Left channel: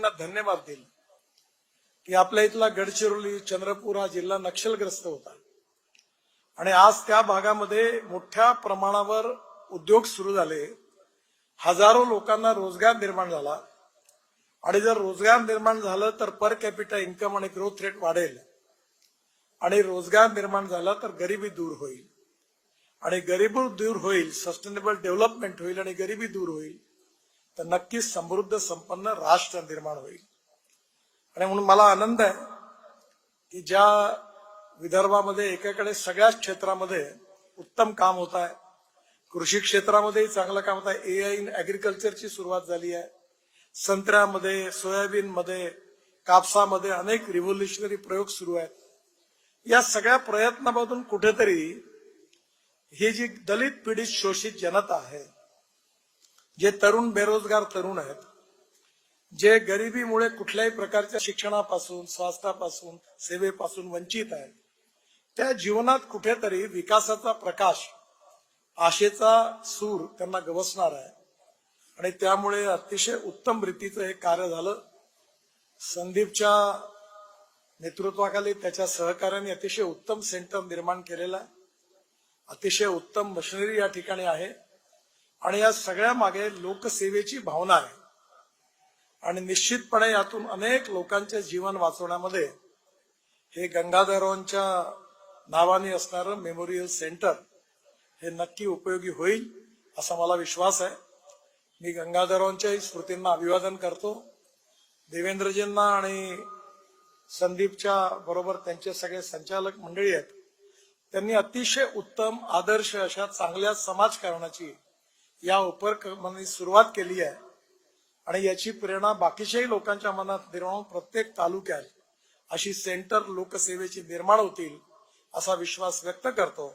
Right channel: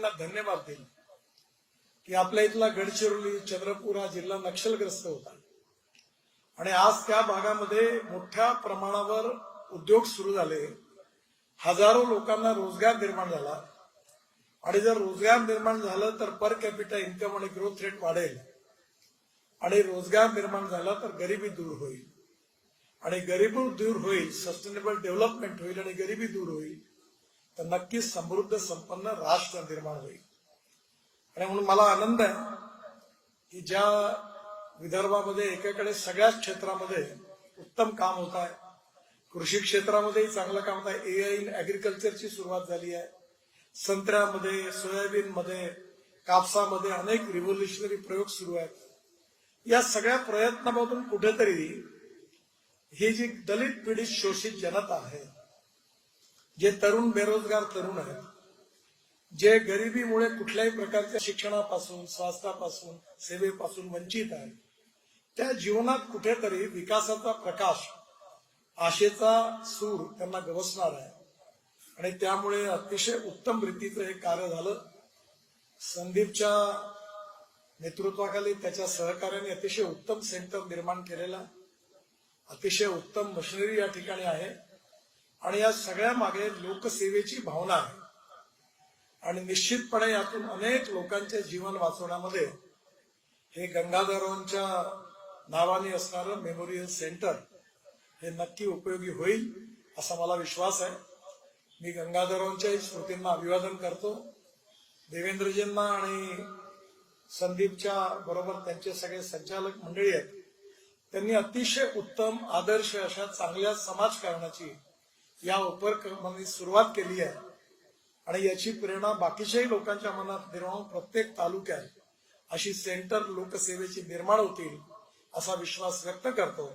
व्यक्तींना धन्यवाद देईल की आपल्या इथला गडचिरोली चंद्रपूर हा जिल्हा नक्षलग्रस्त होता आणि आज त्या भागामध्ये मोठ्या प्रमाणावर उद्योग सुरू झाले, हजारो लोकांना रोजगार निर्माण झाला आणि जर रोजगार निर्माण झालं तर पर कॅपिटा इन्कम आणि ग्रोथ रेट वाढेल आणि रोजगार निर्माण झाला तर गरिबी दूर होईल आणि गरिबी दूर होईल, सस्टेनेबल डेव्हलपमेंट होईल आणि गरिबी दूर होईल तर नक्कीच समृद्ध संपन्न राष्ट्र निर्माण होईल। आणि म्हणून मला आनंद आहे की ज्या विदर्भामध्ये एकाकडे सगळ्याच क्षेत्रामध्ये उत्तम काम होत आहे, कृषी क्षेत्रामध्येही चांगलं काम होत आहे, AI इन ऍग्रिकल्चरची सुरुवात झाली आहे, संत्र्यामध्ये, सोयाबीनमध्ये, कापसामध्ये अनेक रिव्होल्युशनरी प्रयोग सुरू आहेत। या सगळ्या प्रयत्नामधून कुठेतरी ही जी दलित पीडित शोषित जनता आहे, जे तरुण बेरोजगार तरुण आहेत, जे गरिबीमुळे कुठल्याही प्रकारच्या शिक्षणापासून, स्वास्थ्यापासून, सेवेपासून वंचित आहेत, त्या जीवनात कुठेतरी विकासाचा प्रकाश, आशेचा सूर त्यांना गवसणार आहे आणि त्यामुळे अतिशय उत्तम रीतीचं हे कार्य झालं। संदीपच्या नेतृत्वाखाली त्याच्या सहकार्याने अतिशय उत्तम सेंटर निर्माण केलेला, अतिशय उत्तम मशिनरी या ठिकाणी आहे आणि या सगळ्या मागे लोकसेवेची भावना आहे आणि निश्चितपणे यातून अनेक लोकांचे जीवन वाचवण्यामध्ये हे गंगाधररावांच्या नावाने असणारं मेमोरियल सेंटर हे नक्की उपयोगी होईल असा मला विश्वास आहे। मी गंगाधररावांच्या स्मृतींना अभिवादन करतो। देवेंद्रजींना आणि संदीपच्या बरोबर त्यांचे सगळे संचालक मंडळी आहेत, त्यांनी अतिशय उत्तम आदर्श अशा चांगल्या समाजकारणाची या उपक्रमाने सुरुवात केली आहे आणि याची प्रेरणा बाकीच्याही लोकांच्या मनात निर्माण, प्रत्येक तालुक्यात अशी सेंटर लोकसेवेची निर्माण होतील असा विश्वास व्यक्त करतो।